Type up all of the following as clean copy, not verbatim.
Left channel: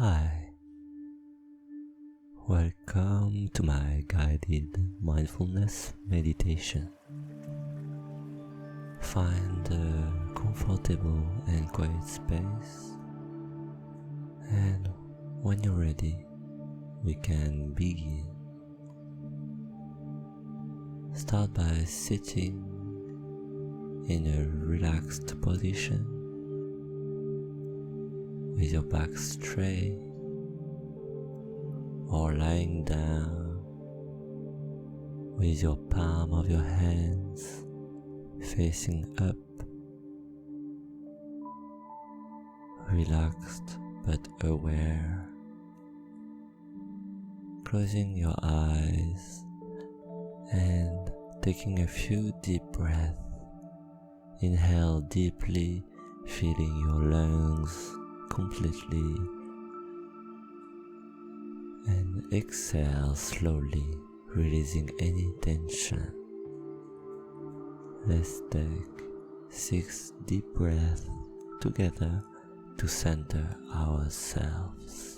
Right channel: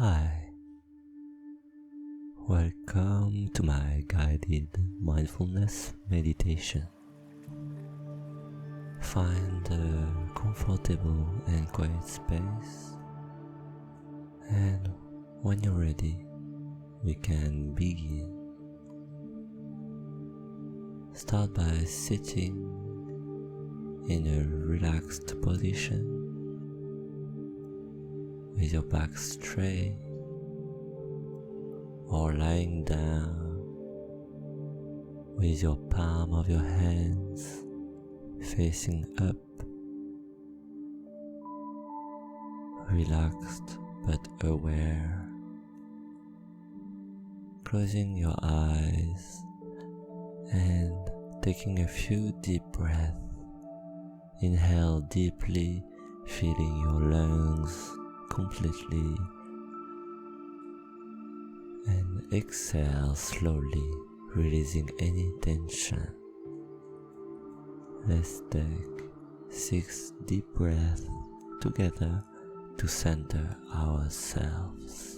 Hi, welcome to my guided mindfulness meditation. Find a comfortable and quiet space, and when you're ready, we can begin. Start by sitting in a relaxed position with your back straight or lying down with your palm of your hands facing up, relaxed but aware, closing your eyes and taking a few deep breaths. Inhale deeply, filling your lungs completely, and exhale slowly, releasing any tension. Let's take 6 deep breaths together to center ourselves.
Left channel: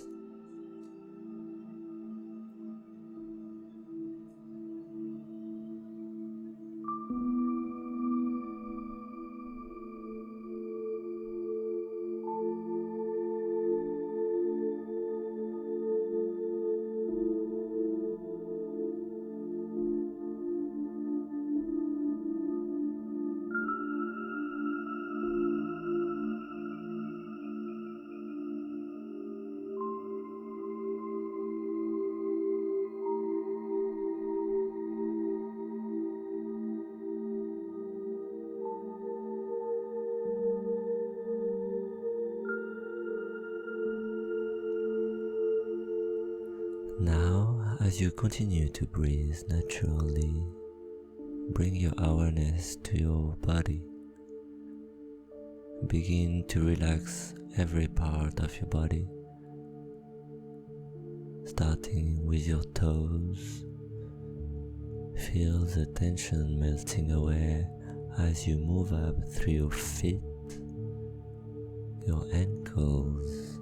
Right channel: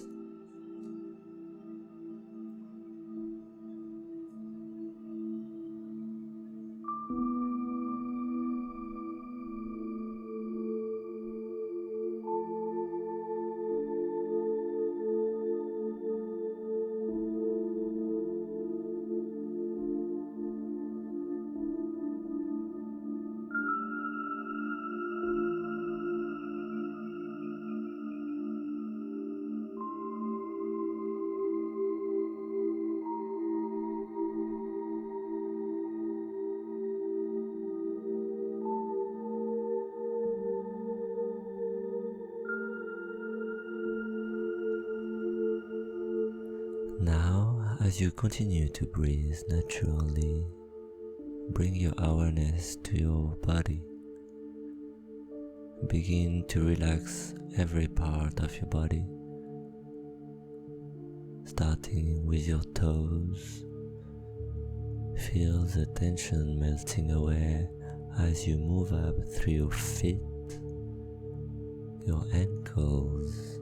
Now, as you continue to breathe naturally, bring your awareness to your body. Begin to relax every part of your body, starting with your toes. Feel the tension melting away as you move up through your feet, your ankles,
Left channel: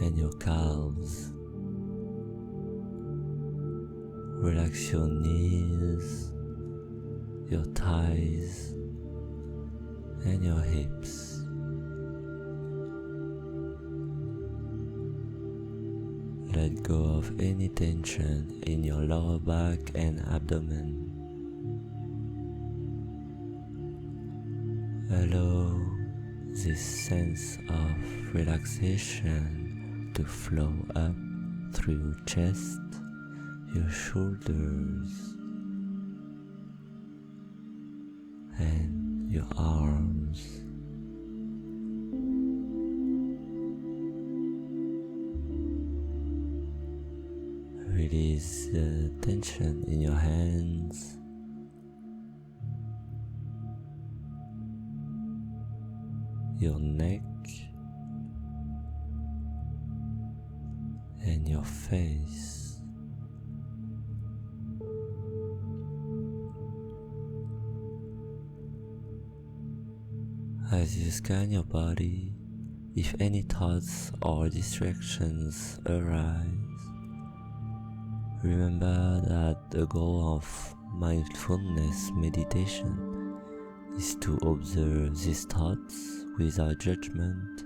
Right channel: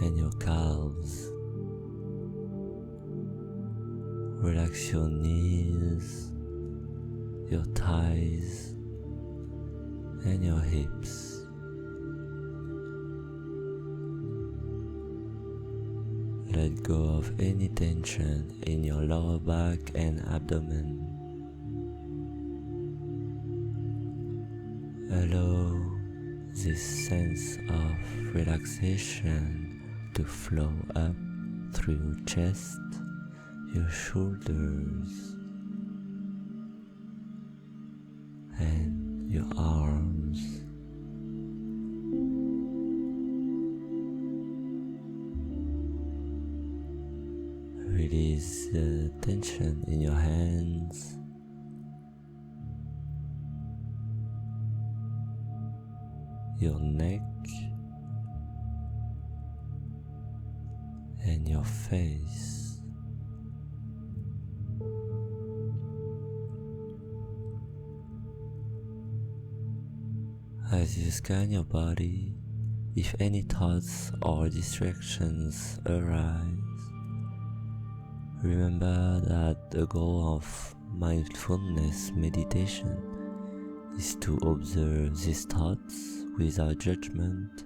and your calves. Relax your knees, your thighs, and your hips. Let go of any tension in your lower back and abdomen. Allow this sense of relaxation to flow up through your chest, your shoulders, and your arms. Release the tension in your hands, your neck, and your face. As you scan your body, if any thoughts or distractions arise, remember that the goal of mindfulness meditation is to observe these thoughts without judgment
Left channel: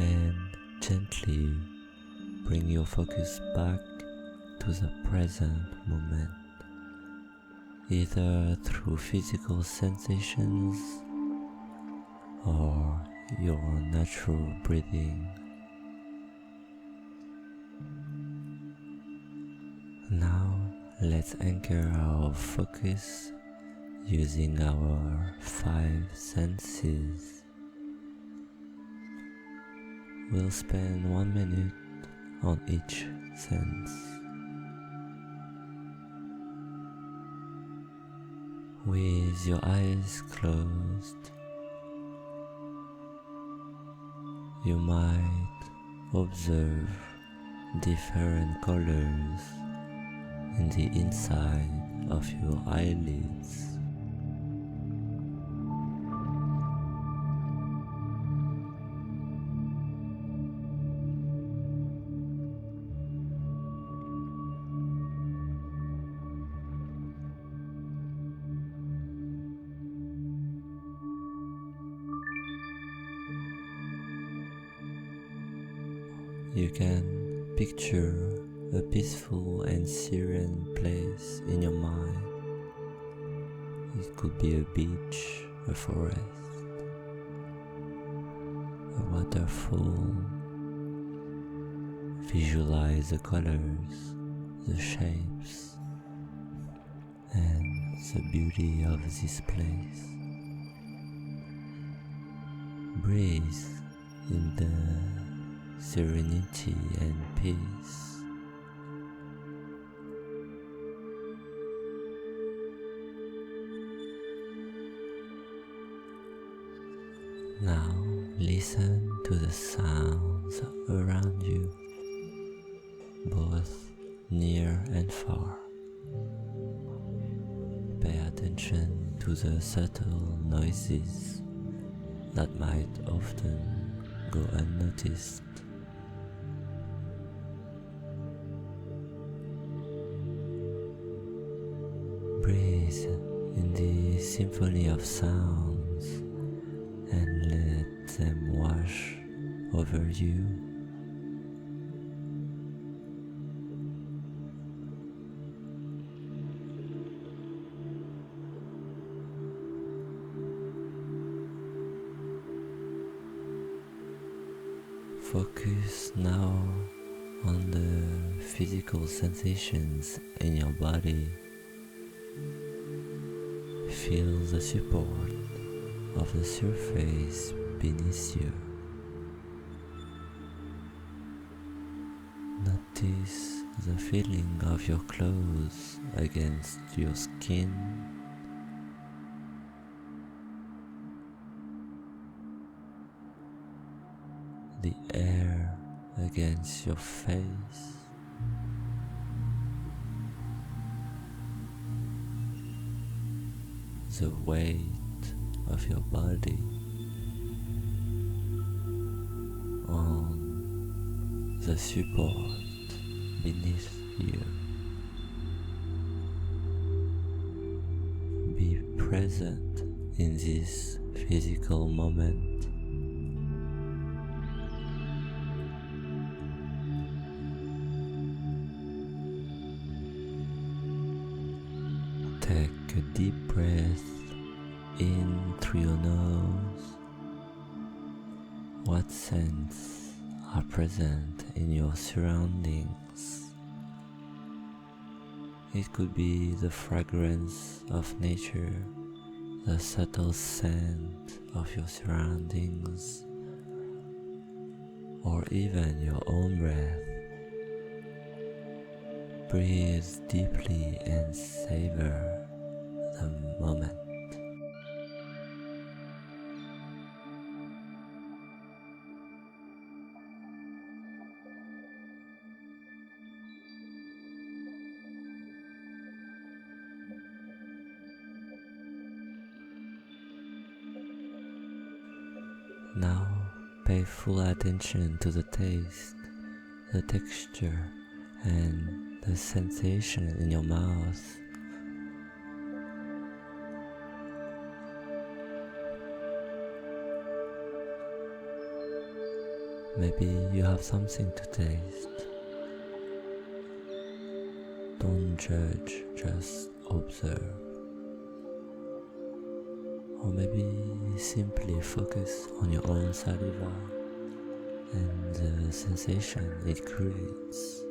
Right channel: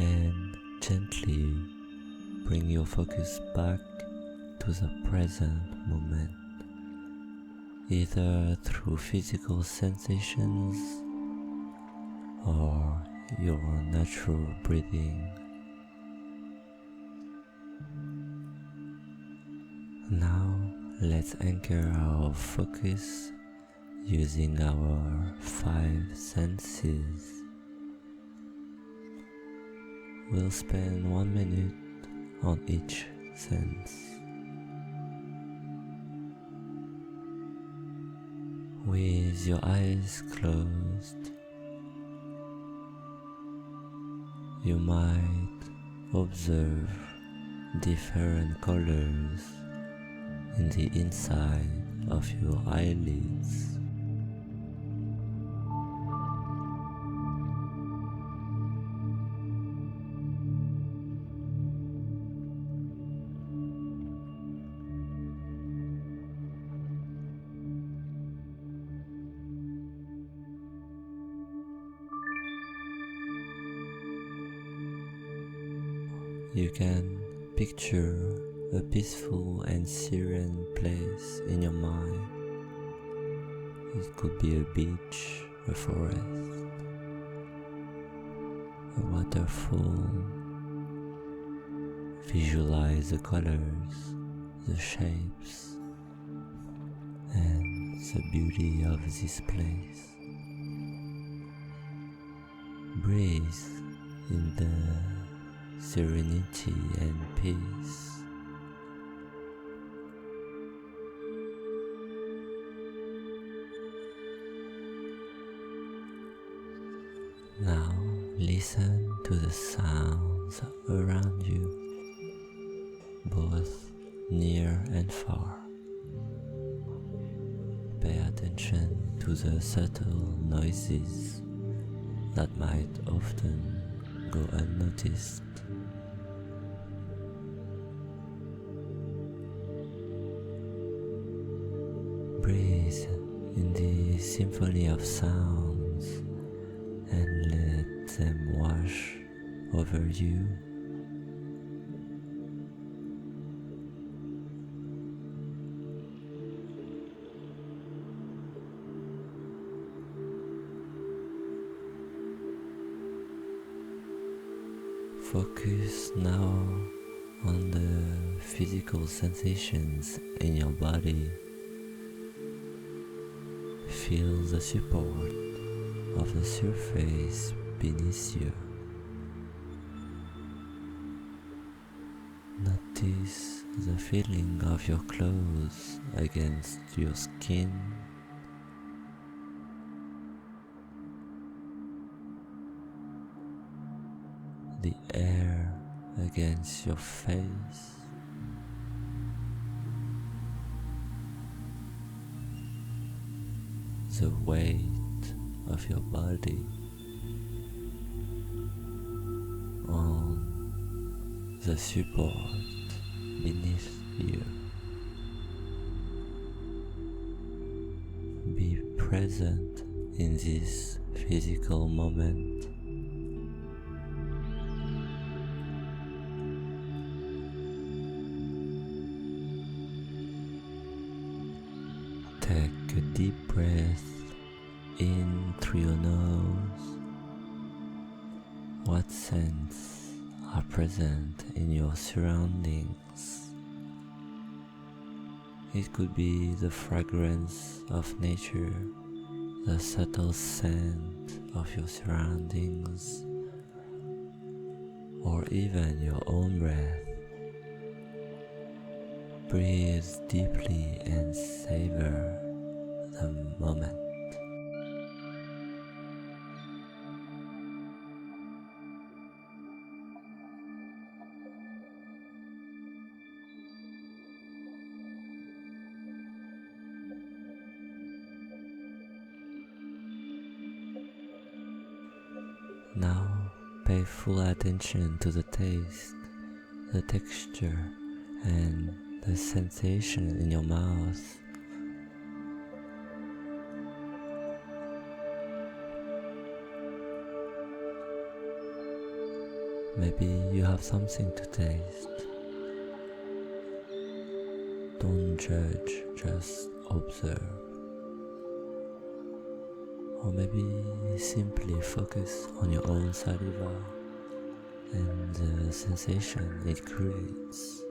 and gently bring your focus back to the present moment, either through physical sensations or your natural breathing. Now let's anchor our focus using our 5 senses. We'll spend 1 minute on each sense. With your eyes closed, you might observe different colors in the inside of your eyelids. You can picture a peaceful and serene place in your mind. It could be a beach, a forest, a waterfall. Visualize the colors, the shapes, and the beauty of this place. Breathe in the serenity and peace. Now listen to the sounds around you, both near and far. Pay attention to the subtle noises that might often go unnoticed. Breathe in the symphony of sounds and let them wash over you. Focus now on the physical sensations in your body. Feel the support of the surface beneath you. Notice the feeling of your clothes against your skin. The air against your face. The weight of your body on the support beneath you. Be present in this physical moment. Take a deep breath in through your nose. What scents are present in your surroundings? It could be the fragrance of nature, the subtle scent of your surroundings, or even your own breath. Breathe deeply and savor the moment. Now pay full attention to the taste, the texture, and the sensation in your mouth. Maybe you have something to taste. Don't judge, just observe. Or maybe simply focus on your own saliva and the sensation it creates.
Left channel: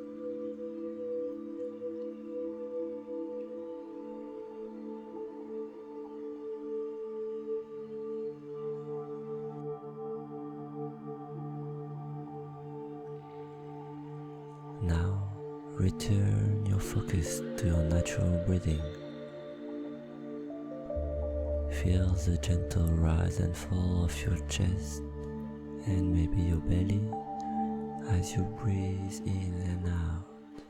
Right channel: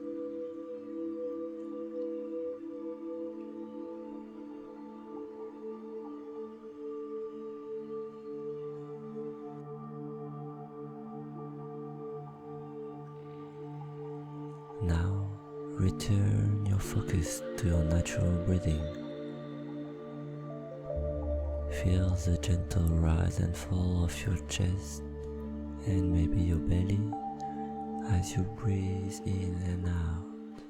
Now return your focus to your natural breathing. Feel the gentle rise and fall of your chest and maybe your belly as you breathe in and out.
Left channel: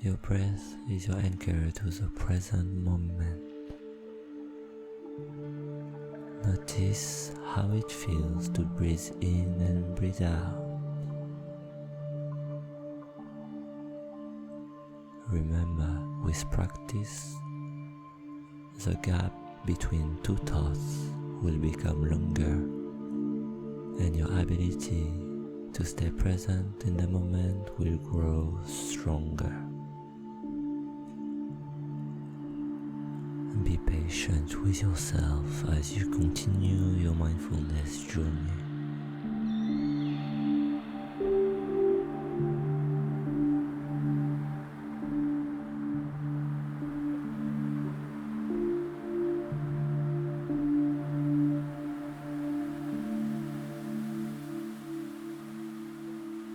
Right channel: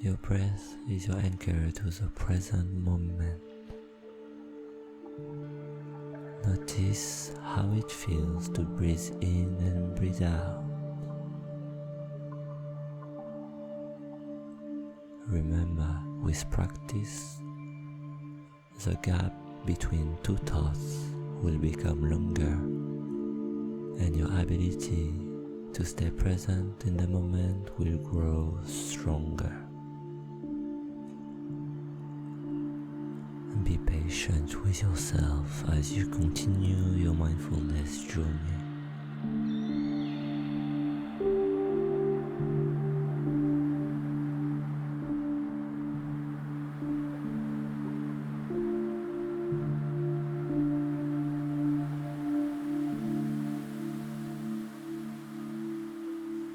Your breath is your anchor to the present moment. Notice how it feels to breathe in and breathe out. Remember, with practice, the gap between two thoughts will become longer, and your ability to stay present in the moment will grow stronger. And be patient with yourself as you continue your mindfulness journey.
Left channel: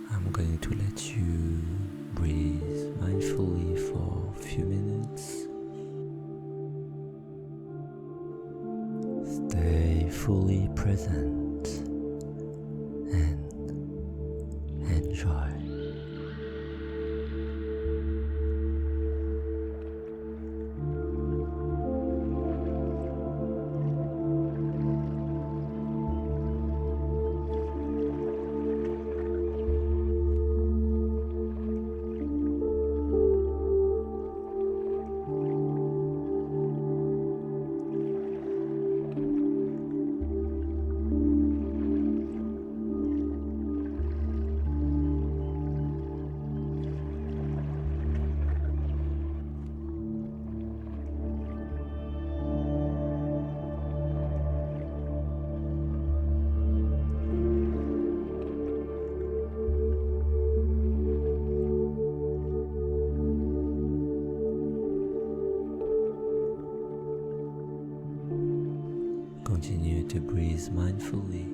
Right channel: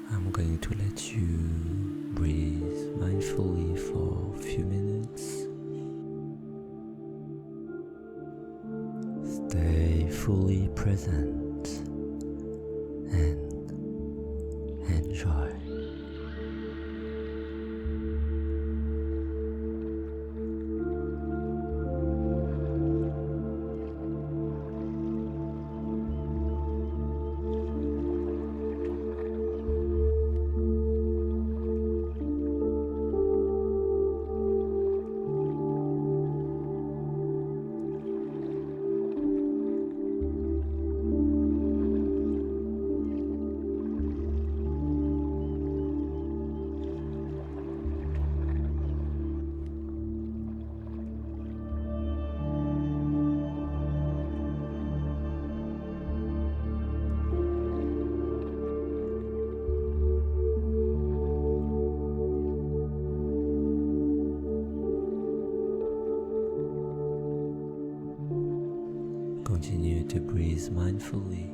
I'm going to let you breathe mindfully for a few minutes. Stay fully present and enjoy. Continue to breathe mindfully.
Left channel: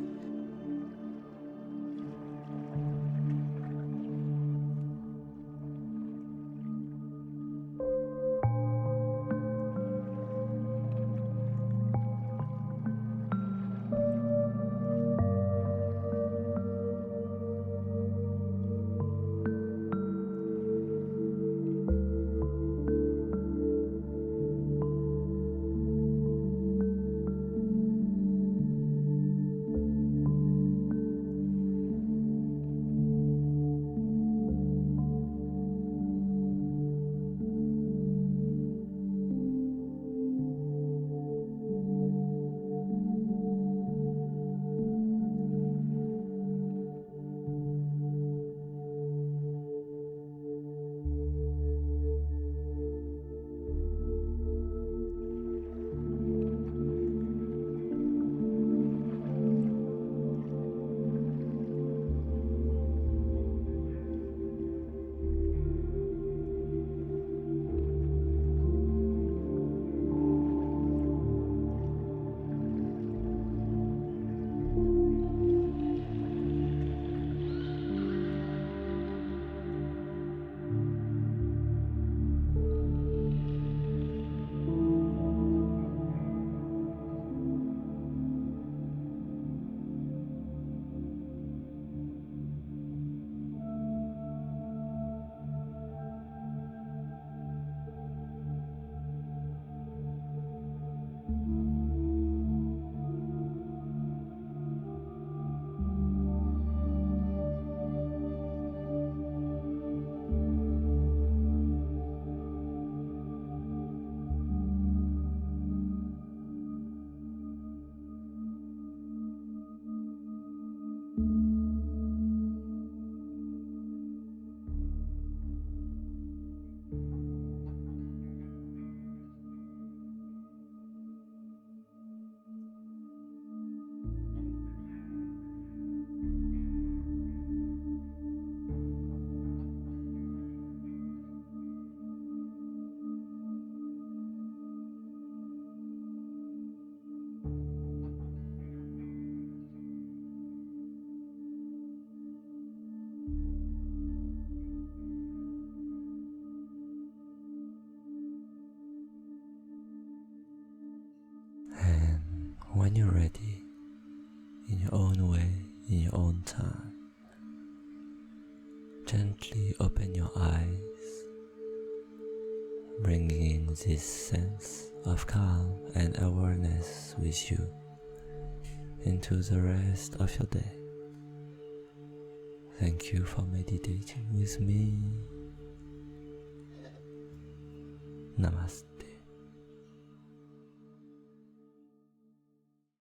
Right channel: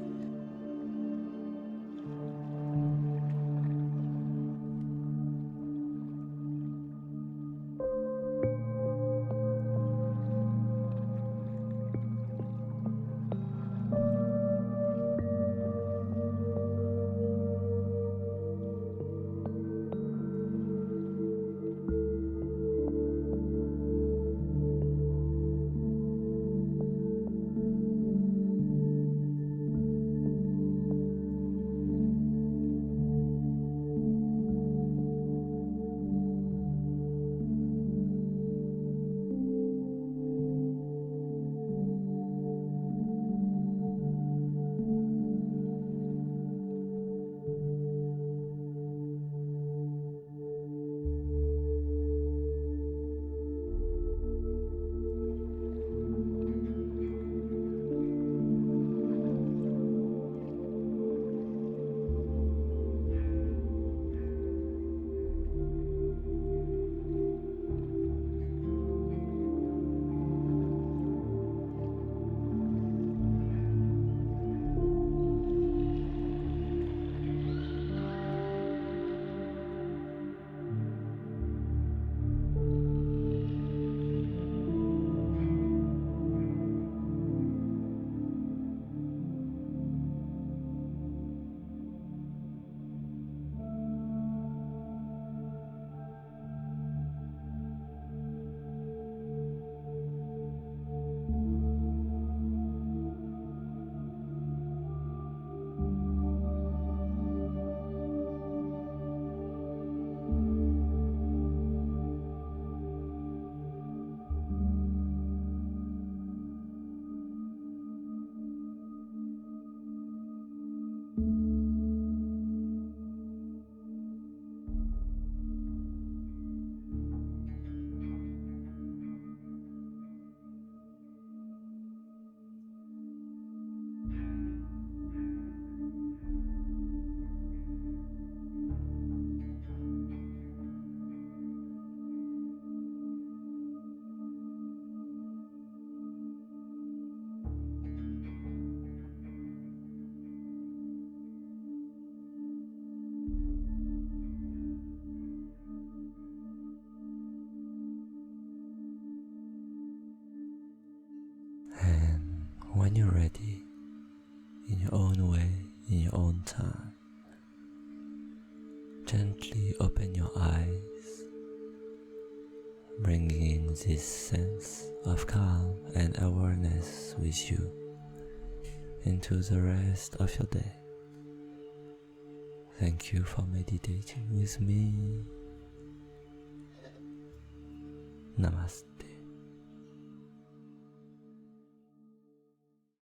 When you're ready, in your own way, in your own time, gently open your eyes, bringing this sense of calm and awareness with you into the rest of your day. Thank you for meditating with me. Namaste.